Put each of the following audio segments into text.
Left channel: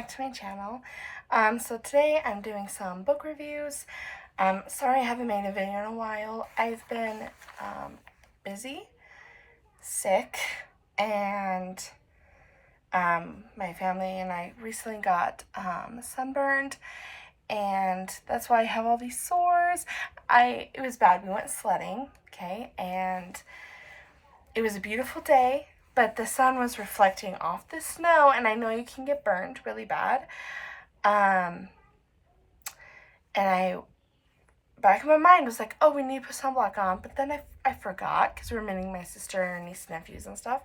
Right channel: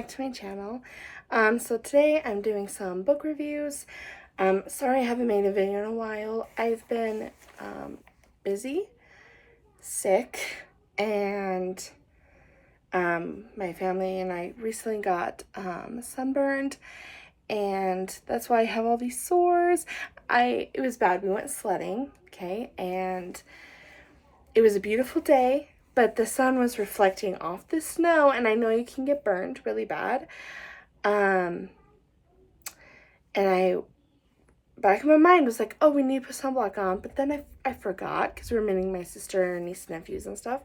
back to my channel. So today I'm doing some book reviews. Sorry I haven't made a video in a while. I've been busy, sick, and my family and I recently got sunburned, and that's why I have all these sores. It was bad. We went sledding, okay, and it was a beautiful day, but the sun was reflecting off the snow, and I know you can get burned really bad. And back in my mind was like, oh, we need to put sunblock on, but then I forgot, because we were meeting my sister and her niece and nephews and stuff,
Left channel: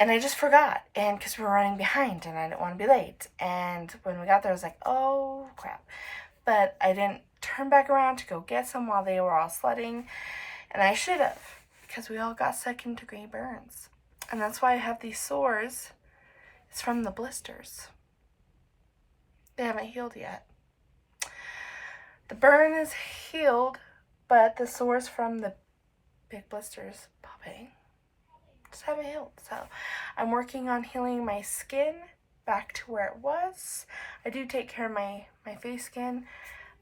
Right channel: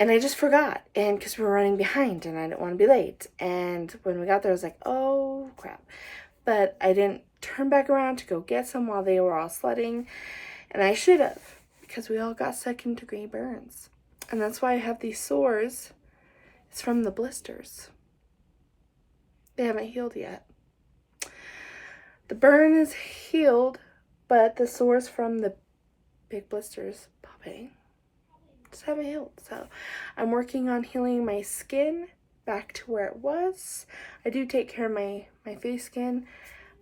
and I just forgot, and because we were running behind, and I didn't want to be late, and when we got there, I was like, oh, crap, but I didn't turn back around to go get some while they were all sledding, and I should have, because we all got second-degree burns. And that's why I have these sores. It's from the blisters. They haven't healed yet. The burn is healed, but the sores from the big blisters popping just haven't healed. So I'm working on healing my skin back to where it was. I do take care of my face skin.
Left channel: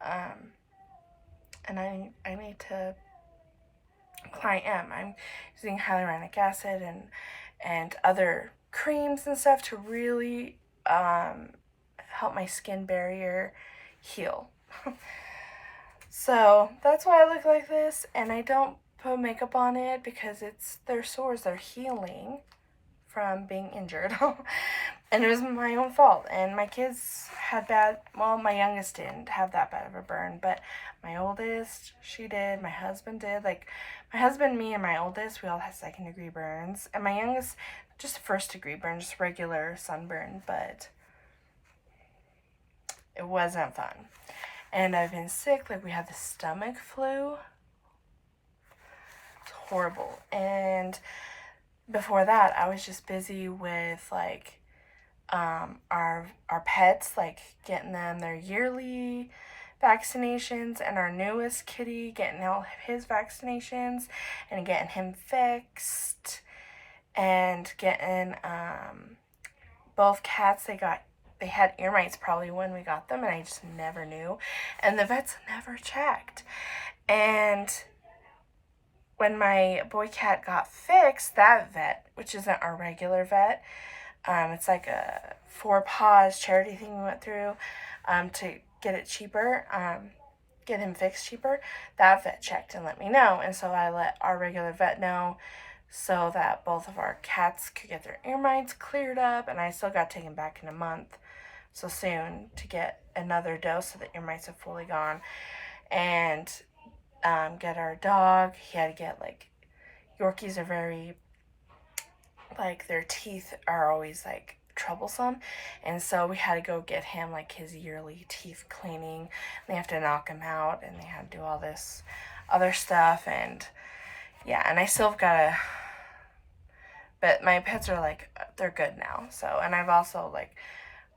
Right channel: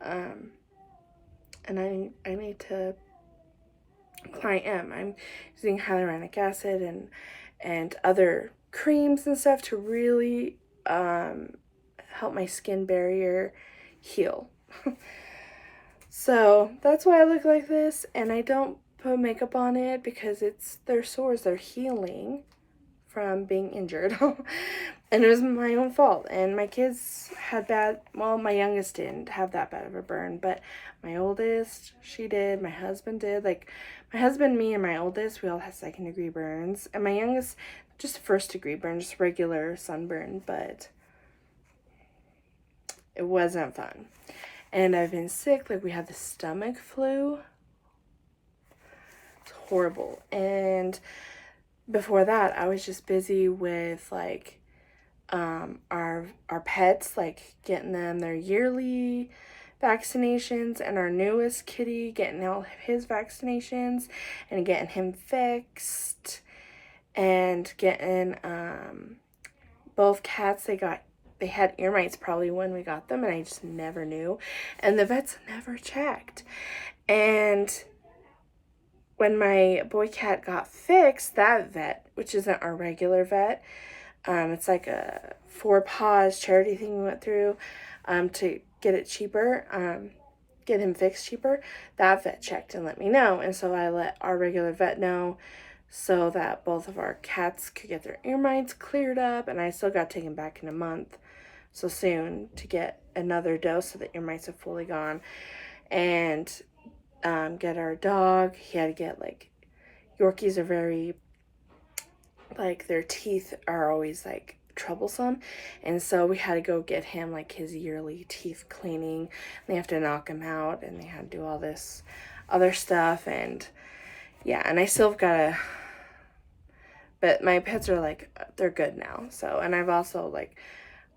And I need to... I'm using hyaluronic acid and other creams and stuff to really help my skin barrier heal. So that's why I look like this, and I don't put makeup on it because their sores, they're healing from being injured. And it was my own fault, and my kids had my youngest didn't have that bad of a burn, but my oldest, she did, my husband did. Like, my husband, me, and my oldest, we all had second-degree burns, and my youngest, just first-degree burn, just regular sunburn, but it wasn't fun. And I've been sick, like we had the stomach flu. It's horrible. And before that, I was just busy with, like, our pets, like getting them their yearly vaccinations, and our newest kitty getting all his vaccinations and getting him fixed, and getting both cats, they had ear mites probably when we got them, and I just never knew, and the vets never checked. And when my boy cat got fixed, that vet, which isn't our regular vet, it's like a 4 Paws charity thing we went through to get it cheaper, get him fixed cheaper. That vet checked and let me know, and so I let our regular vet know so that both of our cats could get their ear mites cleared up, and I still got taken back in a month, so soon, to get another dose so the ear mites are fully gone, and get our dog. He had to get, like, Yorkies are very, like, their teeth are always, like, troublesome, and so we had to go get him, like, his yearly teeth cleaning. They have to knock him out, and they had to do all this other stuff, and yeah, and I still gotta, but my pets are, like, they're good now. So, and I've also, like,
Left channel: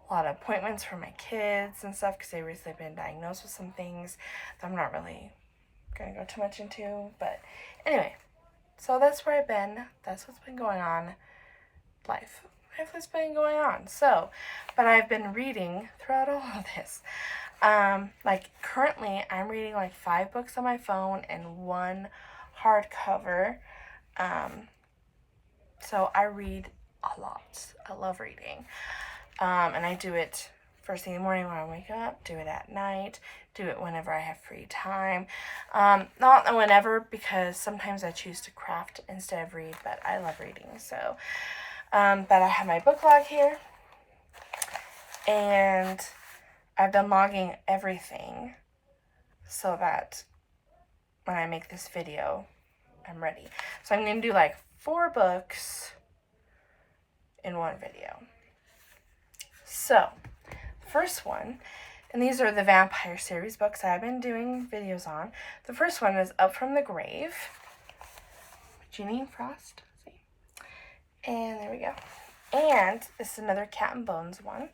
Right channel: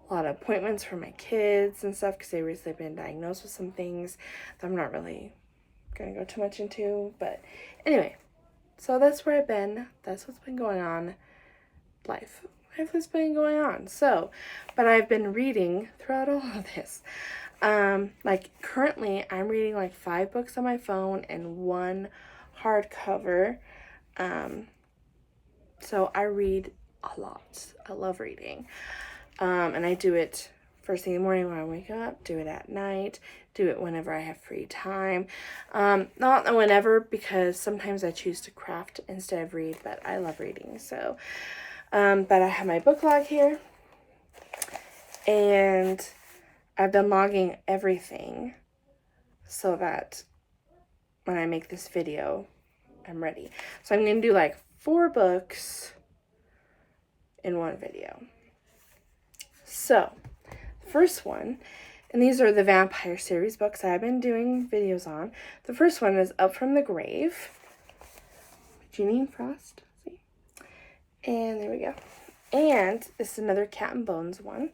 a lot of appointments for my kids and stuff, because they recently been diagnosed with some things that I'm not really gonna go too much into, but anyway, so that's where I've been. That's what's been going on. Life has been going on. So, but I've been reading throughout all of this. Like, currently I'm reading like 5 books on my phone and 1 hardcover. So I read a lot. I love reading. And I do it first thing in the morning when I wake up, do it at night, do it whenever I have free time. Not whenever, because sometimes I choose to craft instead of read, but I love reading. So, but I have my book log here, and I've been logging everything so that when I make this video, I'm ready. So I'm going to do like 4 books in 1 video. So, first one, and these are the vampire series books I've been doing videos on. The first one is Up from the Grave, Jeaniene Frost. See? And there we go. And this is another Cat and Bones one.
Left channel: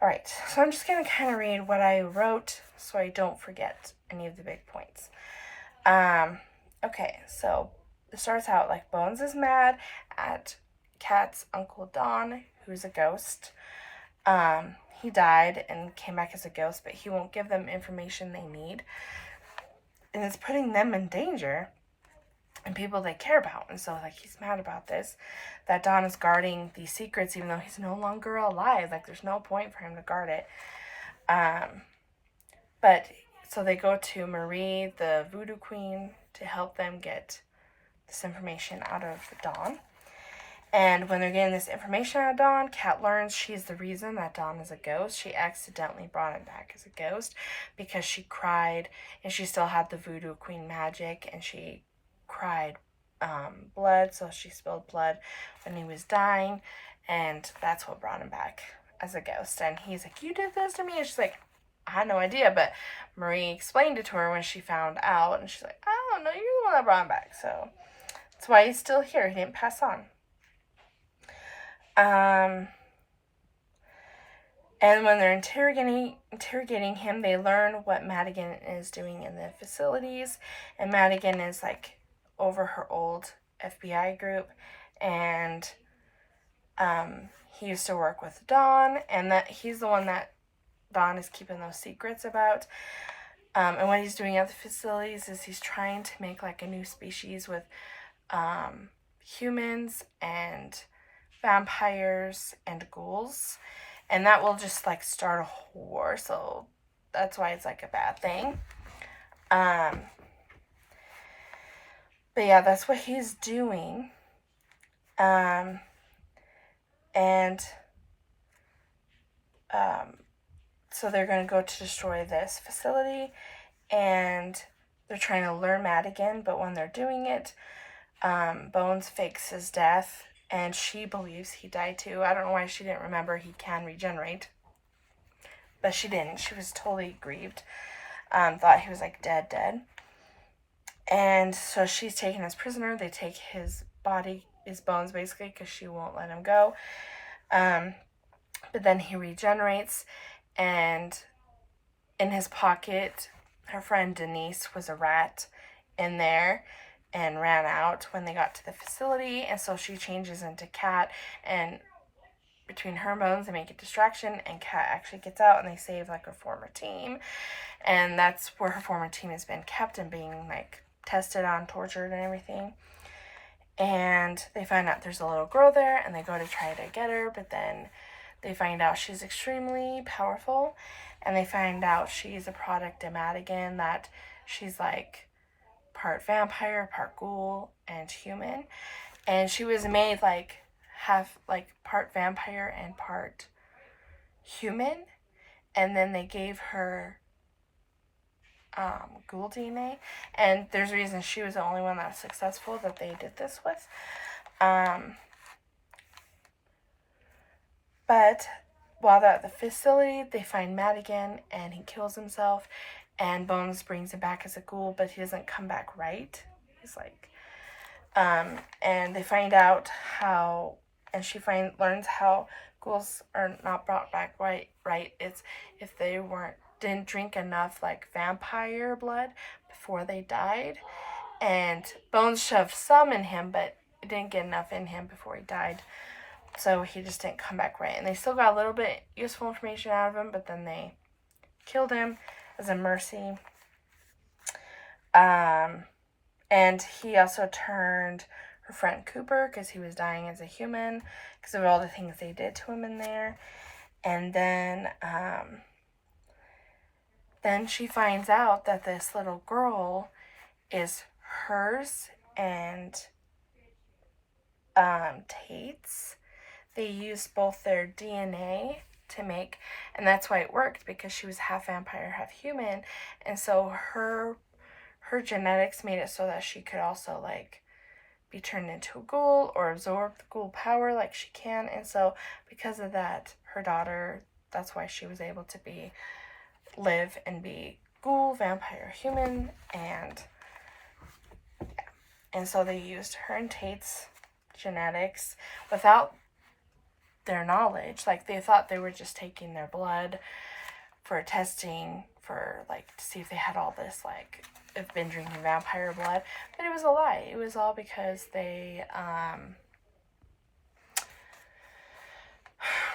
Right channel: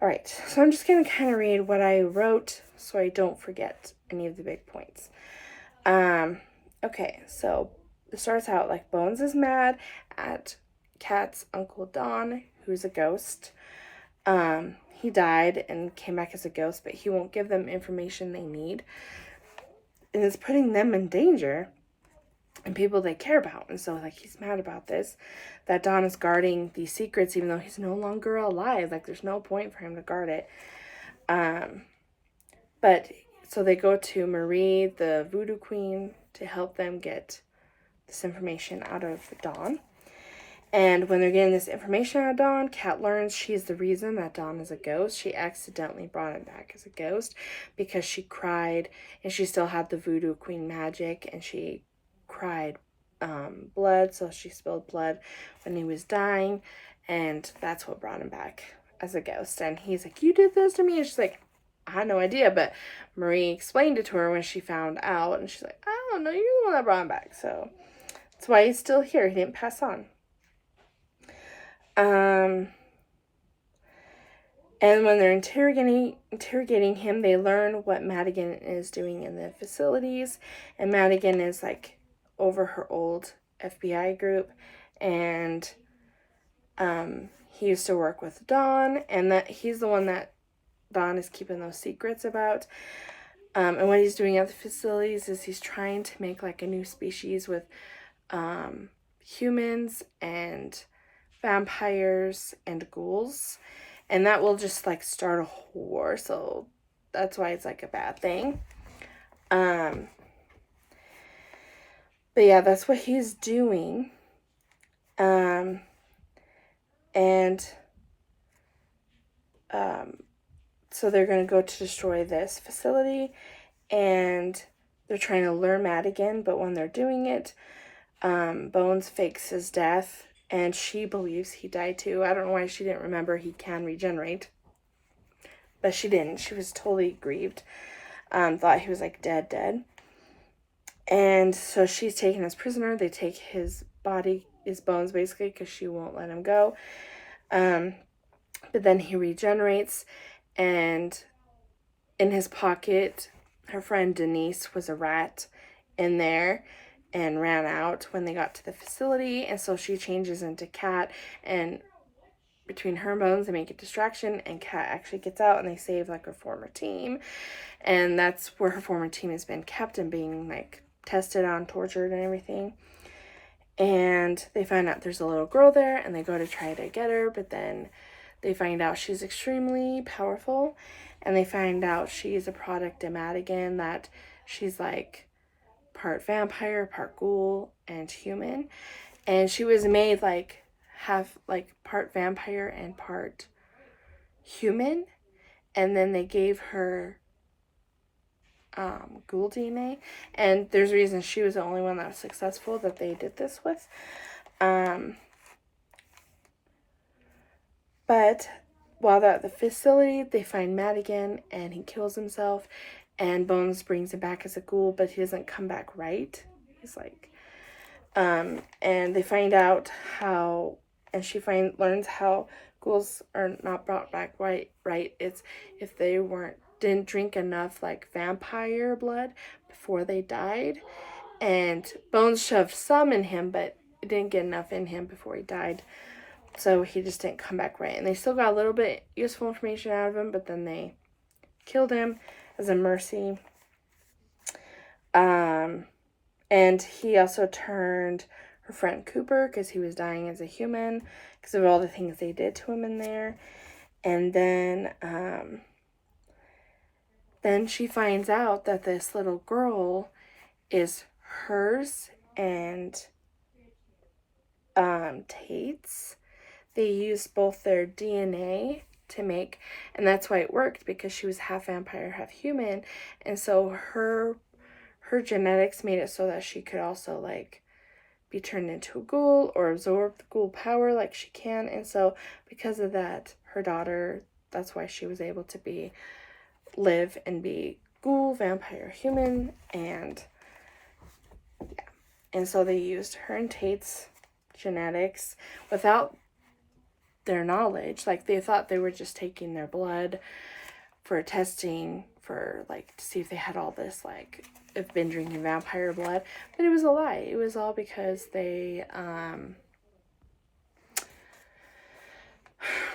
Alright, so I'm just going to kind of read what I wrote so I don't forget any of the big points. Okay, so it starts out like Bones is mad at Cat's Uncle Don, who's a ghost. He died and came back as a ghost, but he won't give them information they need. And it's putting them in danger and people they care about. And so, like, he's mad about this, that Don is guarding these secrets even though he's no longer alive. Like, there's no point for him to guard it. But so they go to Marie, the voodoo queen, to help them get this information out of Dawn. And when they're getting this information out of Dawn, Kat learns she's the reason that Dawn is a ghost. She accidentally brought him back as a ghost because she cried, and she still had the voodoo queen magic, and she cried blood, so she spilled blood when he was dying, and that's what brought him back as a ghost. And he's like, you did this to me? And she's like, I had no idea, but Marie explained it to her when she found out, and she's like, I don't know, you're the one that brought him back. So that's why he's still here. He didn't pass on. And when they're interrogating him, they learn what Madigan is doing in the facilities. And Madigan is like over her old FBI group, and he used to work with Dawn, and that he's the one that Dawn is keeping those secrets about. And what he's doing at the facilities is he's trying to make like a new species with humans and vampires and ghouls, and that will just like start a war, so that's why it's like a bad thing. But yeah, that's what he's doing. So they're going to go to destroy this facility, and they're trying to lure Madigan, but when they're doing it, Bones fakes his death, and she believes he died too. I don't know why she didn't remember he can regenerate, but she didn't. She was totally grieved, thought he was like dead. And so she's taken as prisoner. They take his body, his bones basically, because she won't let him go. But then he regenerates, and in his pocket, her friend Denise was a rat in there and ran out when they got to the facility, and so she changes into Kat, and between her and Bones they make a distraction, and Kat actually gets out, and they save like her former team, and that's where her former team has been kept and being like tested on, tortured and everything. And they find out there's a little girl there, and they go to try to get her, but then they find out she's extremely powerful, and they find out she's a product of Madigan, that she's like part vampire, part ghoul, and human. And she was made like half like part vampire and part human, and then they gave her ghoul DNA, and there's reasons she was the only one that was successful that they did this with. But while they're at the facility, they find Madigan, and he kills himself, and Bones brings him back as a ghoul, but he doesn't come back right. He's like, and they find out how, and she learns how ghouls are not brought back right. It's if they didn't drink enough like vampire blood before they died, and Bones shoved some in him, but it didn't get enough in him before he died. So he just didn't come back right. And they still got a little bit useful information out of him, but then they killed him as a mercy. And he also turned her friend Cooper, because he was dying as a human, because of all the things they did to him in there. And then she finds out that this little girl is hers and Tate's. They used both their DNA to make, and that's why it worked, because she was half vampire, half human, and so her genetics made it so that she could also like be turned into a ghoul or absorb the ghoul power like she can. And so because of that, her daughter, that's why she was able to live and be ghoul, vampire, human, and yeah. And so they used her and Tate's genetics without their knowledge. Like, they thought they were just taking their blood for testing for like to see if they had all this like have been drinking vampire blood, but it was a lie. It was all because they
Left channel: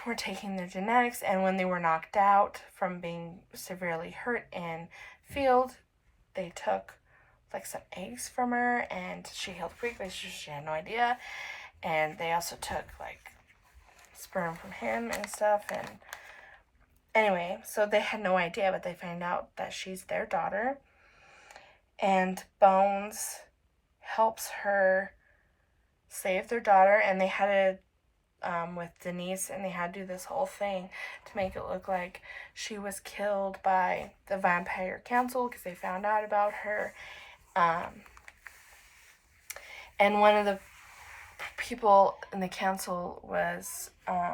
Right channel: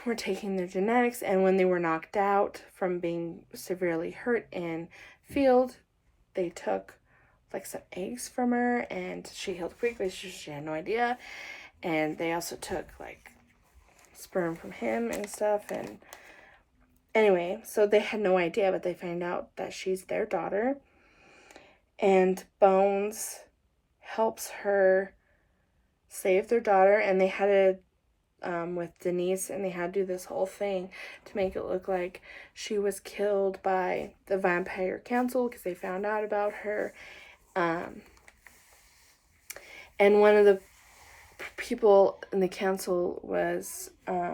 were taking their genetics, and when they were knocked out from being severely hurt in field, they took like some eggs from her, and she healed quickly. She had no idea. And they also took like sperm from him and stuff. And anyway, so they had no idea, but they find out that she's their daughter. And Bones helps her save their daughter, and they had to with Denise, and they had to do this whole thing to make it look like she was killed by the vampire council because they found out about her. And one of the people in the council was what's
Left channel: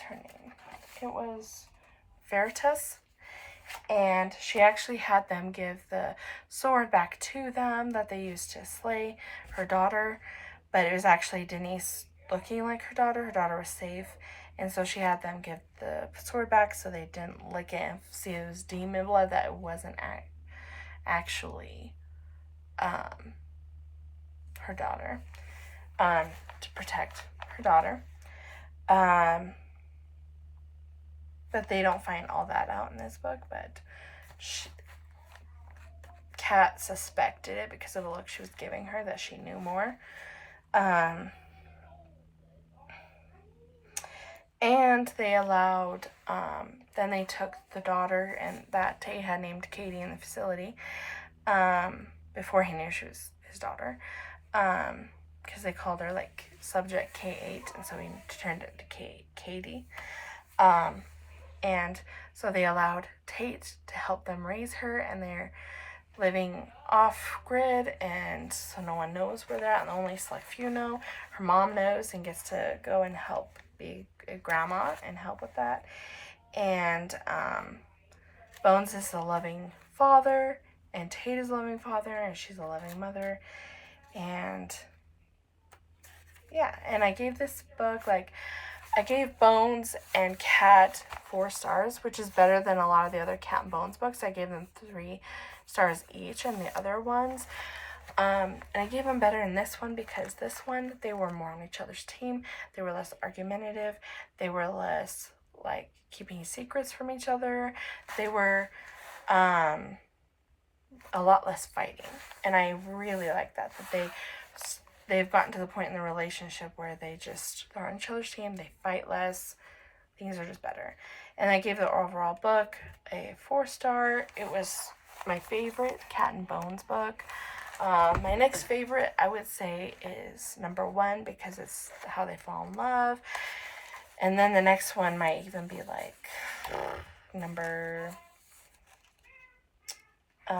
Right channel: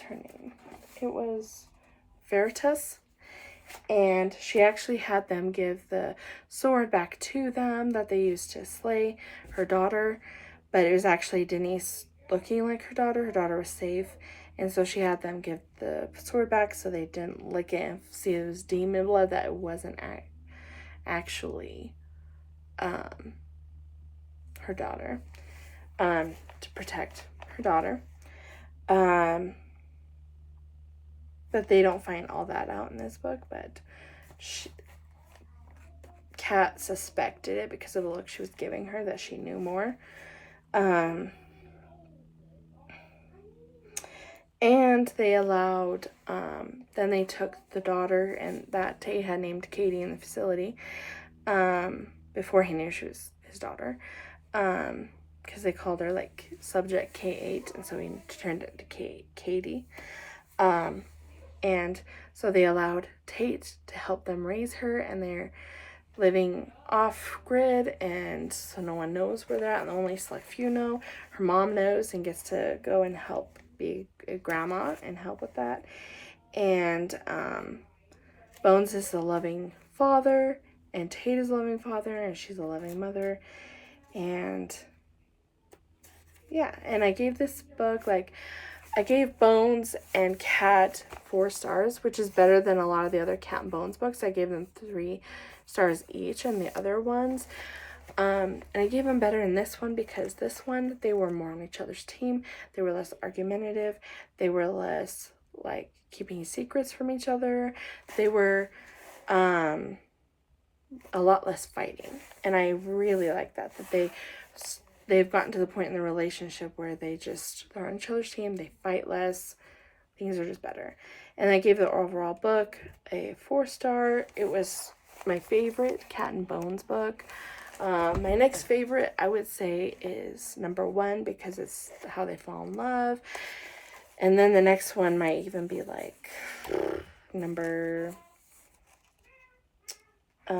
her name? It was Veritas. And she actually had them give the sword back to them that they used to slay her daughter. But it was actually Denise looking like her daughter. Her daughter was safe. And so she had them give the sword back so they didn't lick it and see it was demon blood, that it wasn't actually her daughter, to protect her daughter. But they don't find all that out in this book, but Kat suspected it because of the look she was giving her, that she knew more. And they allowed, then they took the daughter and that Tay had named Katie in the facility, before he knew she was his daughter, because they called her like Subject K8, and so he turned it to Katie. And so they allowed Tate to help them raise her, and they're living off-grid, and so no one knows where they're at, and only select few know. Her mom knows and gets to go and help be a grandma and help with that. And Bones is a loving father, and Tate is a loving father, and she's a loving mother. And yeah, and I gave this book, like, I gave Bones and Cat 4 stars, which is better than a lot of the other Cat and Bones books. I gave them 3 stars each, and the other ones. And I gave them better in this one because this one, they were more on each other's team. They were less argumentative. They were less, like, keeping secrets from each other. They were a lot less fighting. And I really like that they've gotten to the point in the relationship where they're on each other's team, they fight less, things are just better. And I gave the overall book a 4-star. It was my favorite Cat and Bones book. My next favorite, I would say, is number 1 because it's how they fall in love. And then the next one might even be like number 5,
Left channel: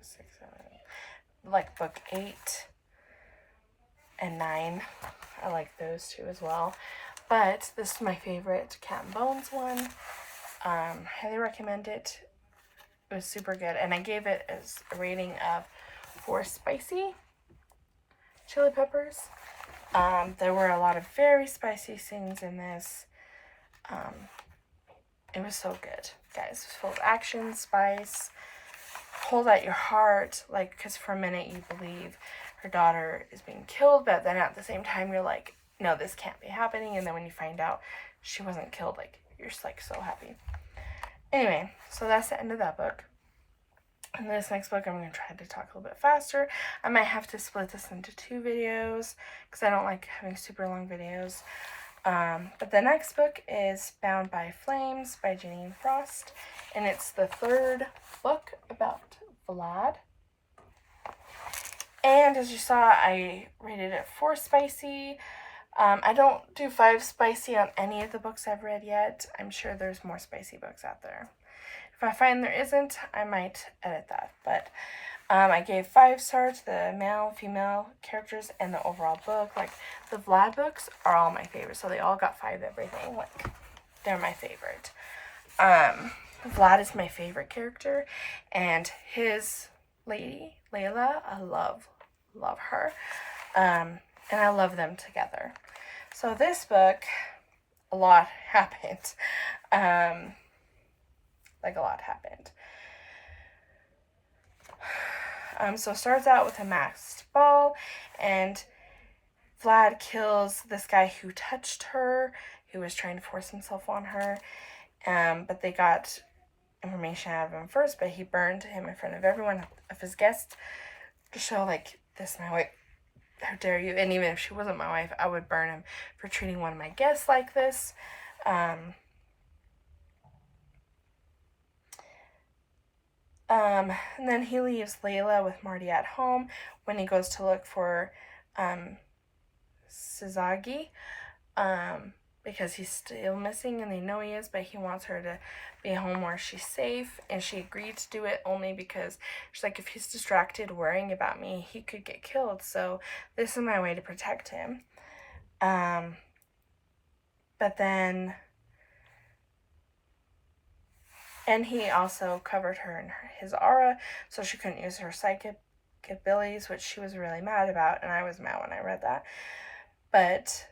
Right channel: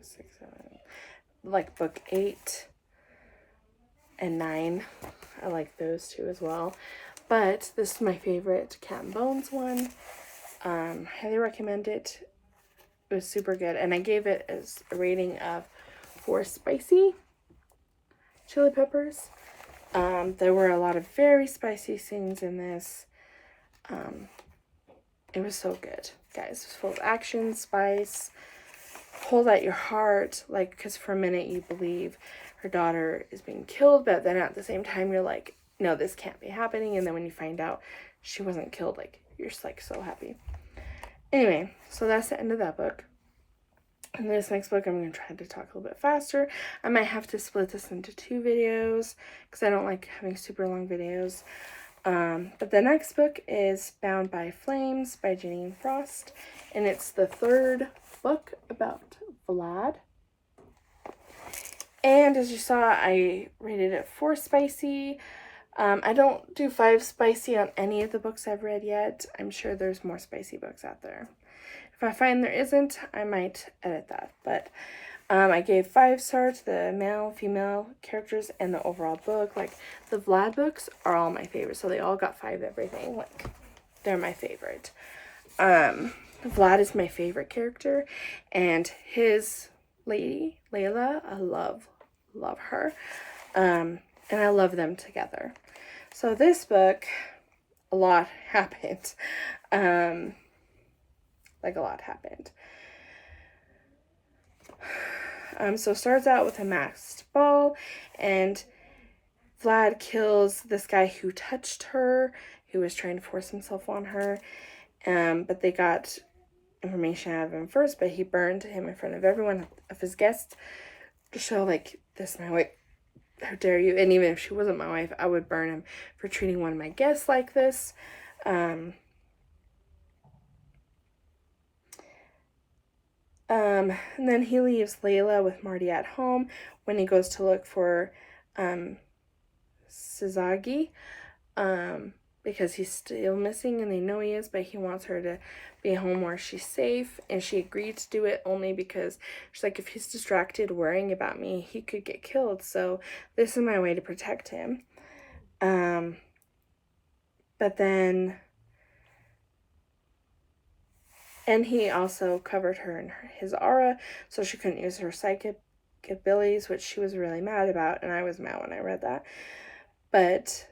6, 7, like book 8 and 9. I like those 2 as well. But this is my favorite Cat and Bones one. Highly recommend it. It was super good. And I gave it as a rating of 4 spicy chili peppers. There were a lot of very spicy scenes in this. It was so good, guys. It was full of action, spice, hold at your heart, like, because for a minute you believe her daughter is being killed, but then at the same time you're like, no, this can't be happening. And then when you find out she wasn't killed, like, you're just like so happy. Anyway, so that's the end of that book. And this next book, I'm going to try to talk a little bit faster. I might have to split this into 2 videos because I don't like having super long videos. But the next book is Bound by Flames by Jeaniene Frost. And it's the 3rd book about Vlad. And as you saw, I rated it 4 spicy. I don't do 5 spicy on any of the books I've read yet. I'm sure there's more spicy books out there. If I find there isn't, I might edit that. But I gave 5 stars to the male, female characters, and the overall book. Like, the Vlad books are all my favorite, so they all got 5 everything. Like, they're my favorite. Vlad is my favorite character, and his lady, Layla, I love her. And I love them together. So this book, a lot happened. Like, a lot happened. So it starts out with a masked ball, and Vlad kills this guy who touched her, who was trying to force himself on her. But they got information out of him first, but he burned him in front of everyone of his guests to show, like, this is my wife, how dare you. And even if she wasn't my wife, I would burn him for treating one of my guests like this. And then he leaves Layla with Marty at home when he goes to look for Sazagi, because he's still missing and they know he is, but he wants her to be home where she's safe, and she agreed to do it only because she's like, if he's distracted worrying about me, he could get killed, so this is my way to protect him. But then, and he also covered her in his aura so she couldn't use her psychic abilities, which she was really mad about, and I was mad when I read that. But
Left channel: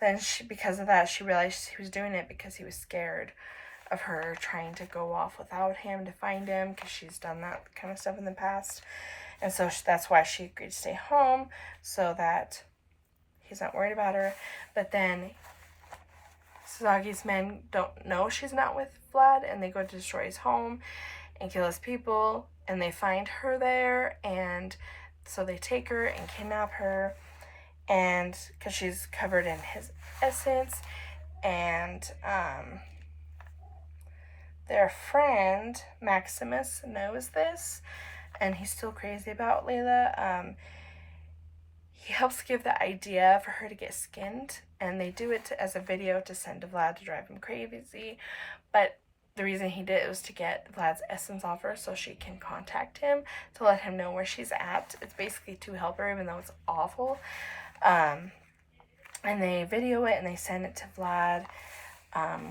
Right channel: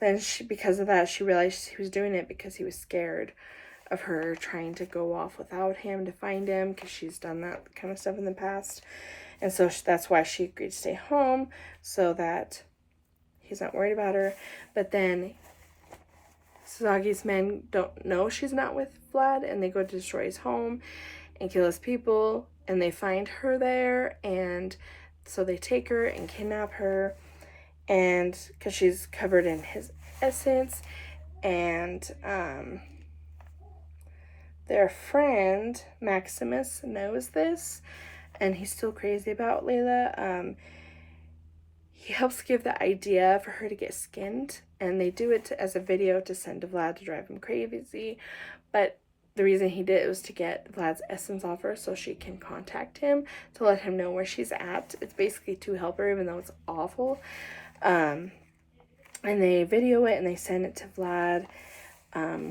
then because of that, she realized he was doing it because he was scared of her trying to go off without him to find him, because she's done that kind of stuff in the past. And so that's why she agreed to stay home, so that he's not worried about her. But then Sazagi's men don't know she's not with Vlad, and they go to destroy his home and kill his people, and they find her there, and so they take her and kidnap her, and because she's covered in his essence. And their friend Maximus knows this, and he's still crazy about Layla. He helps give the idea for her to get skinned, and they do it as a video to send to Vlad to drive him crazy. But the reason he did it was to get Vlad's essence off her so she can contact him to let him know where she's at. It's basically to help her, even though it's awful. And they video it and they send it to Vlad,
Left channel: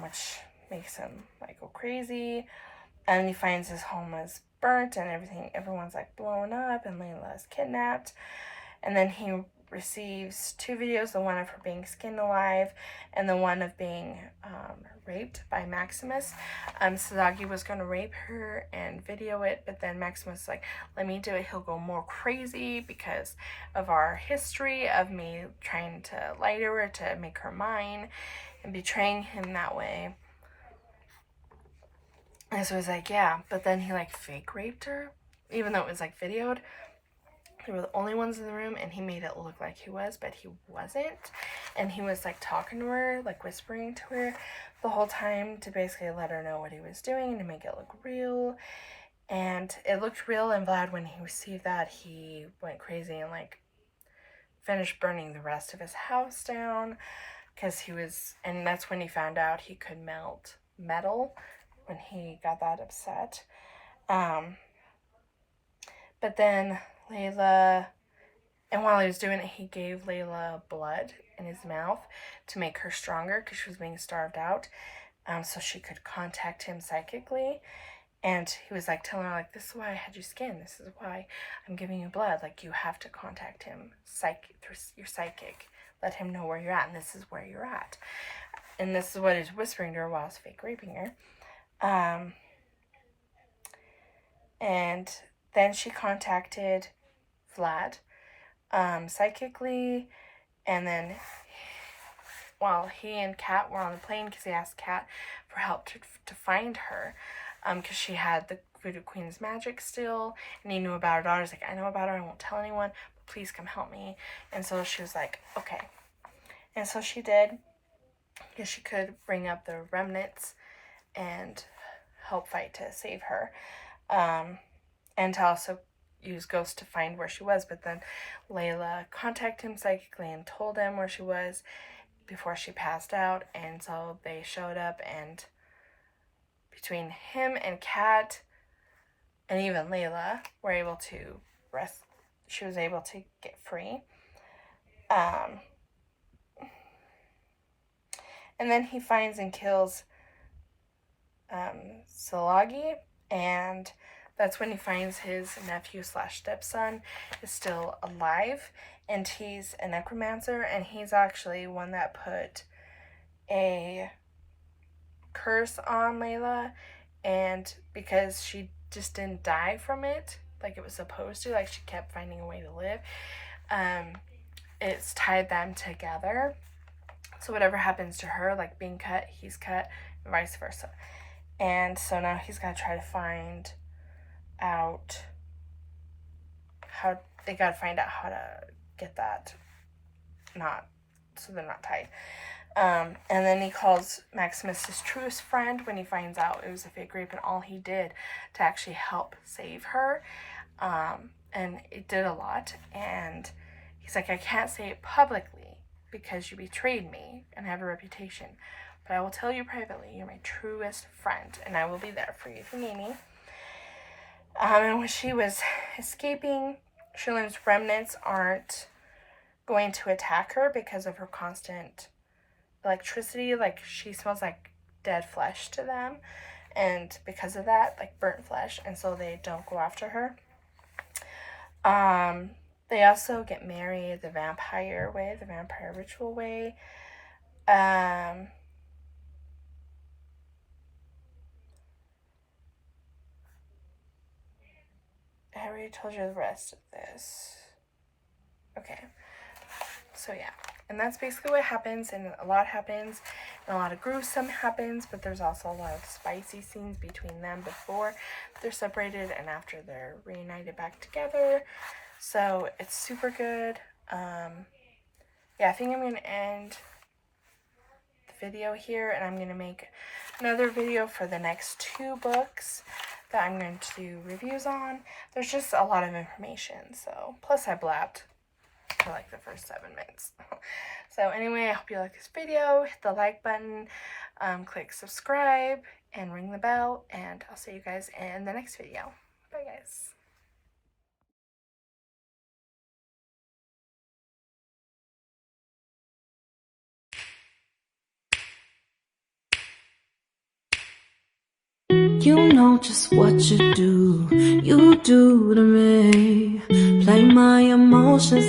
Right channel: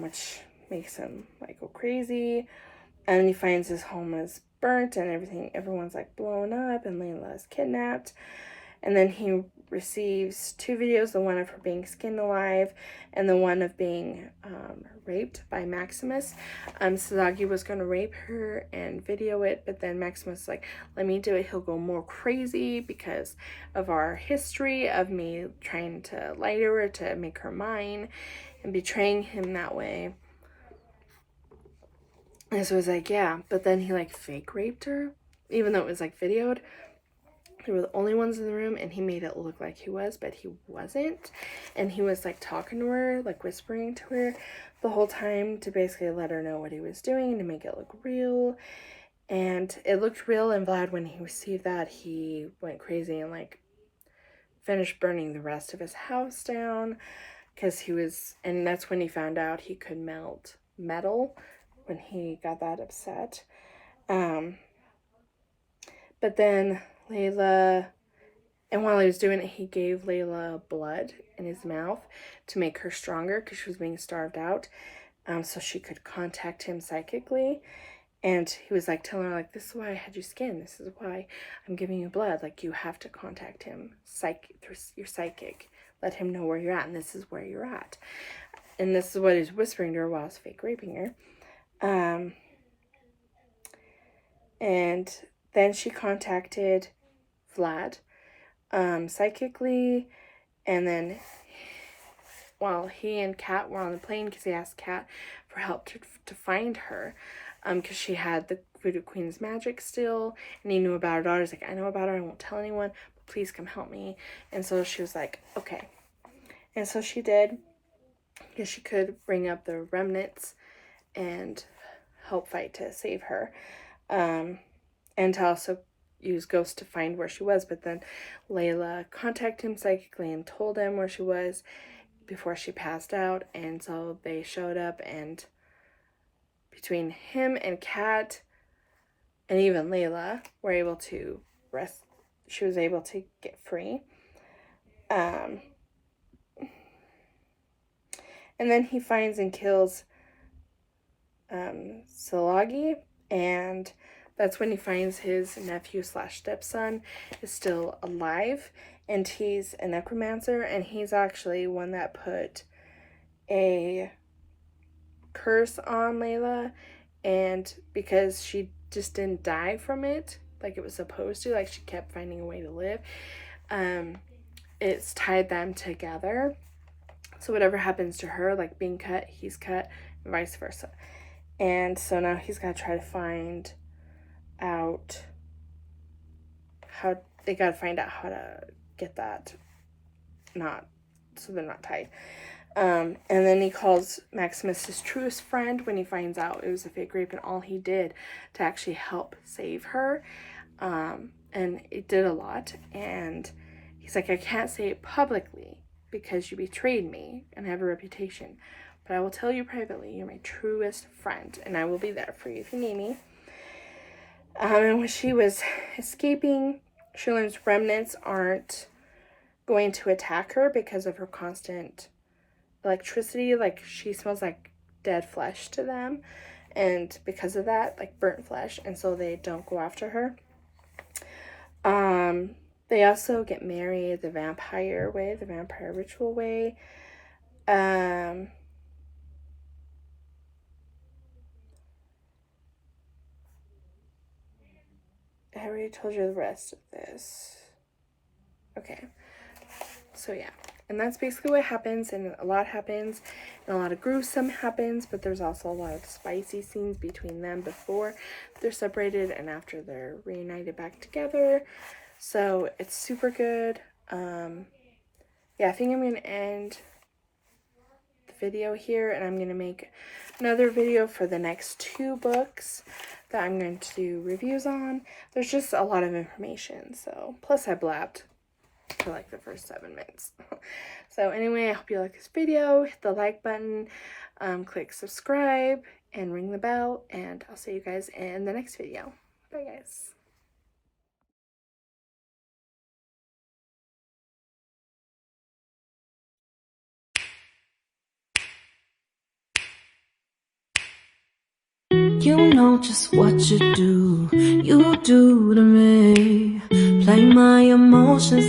which makes him like go crazy. And he finds his home is burnt and everyone's like blown up, and Layla is kidnapped. And then he receives 2 videos, the one of her being skinned alive and the one of being raped by Maximus. Sazagi was going to rape her and video it, but then Maximus was like, let me do it, he'll go more crazy because of our history of me trying to lie to her to make her mine and betraying him that way. And so it was like, yeah, but then he like fake raped her, even though it was like videoed. They were the only ones in the room, and he made it look like he was, but he wasn't. And he was like talking to her, like whispering to her the whole time to basically let her know what he was doing to make it look real. And it looked real, and Vlad, when he received that, he went crazy and like finished burning the rest of his house down, because he was, and that's when he found out he could melt metal, when he got that upset. But then Layla, and while he was doing it, he gave Layla blood in his mouth to make her stronger because she was being starved out, so she could contact him psychically. And he was like telling her, like, this is why I had you skinned, this is why I'm giving you blood, like, you have to contact him through your psychic, let him know where you're at, and this is where you're at. And this is what he's whispering to her while he's fake raping her. And then she contacted Vlad psychically, and then while he and Kat were on the plane, because he asked Kat for help to find her, because she had the Voodoo Queen's magic still, and he knew about her daughter. He's like, I know about her, I won't tell anyone, but please come help me. And so she was like, okay. And so she did, because she could bring up the remnants and help fight to save her, and to also use ghosts to find where she was. But then Layla contacted him psychically and told him where she was before she passed out, and so they showed up, and between him and Kat and even Layla were able to she was able to get free. And then he finds and kills Salagi, and that's when he finds his nephew / stepson is still alive, and he's a necromancer, and he's actually one that put a curse on Layla, and because she just didn't die from it, like it was supposed to. Like, she kept finding a way to live. It's tied them together. So whatever happens to her, like being cut, he's cut, and vice versa. And so now he's got to try to find out how, they got to find out how to get that not, so they're not tied. And then he calls Maximus his truest friend when he finds out it was a fake rape and all he did to actually help save her. And it did a lot. And he's like, I can't say it publicly because you betrayed me and have a reputation, but I will tell you privately, you're my truest friend, and I will be there for you if you need me. And when she was escaping, she learns remnants aren't going to attack her because of her constant electricity. Like, she smells like dead flesh to them, and because of that, like burnt flesh, and so they don't go after her. They also get married the vampire way, the vampire ritual way. I already told you the rest of this. Okay. So yeah. And that's basically what happens, and a lot happens, and a lot of gruesome happens, but there's also a lot of spicy scenes between them before they're separated and after they're reunited back together. So it's super good. Yeah, I think I'm going to end the video here, and I'm going to make another video for the next 2 books that I'm going to do reviews on. There's just a lot of information, so plus I blabbed for like the first 7 minutes. So anyway, I hope you like this video. Hit the like button, click subscribe, and ring the bell, and I'll see you guys in the next video. Bye guys. You know just what you do to me. Play my emotions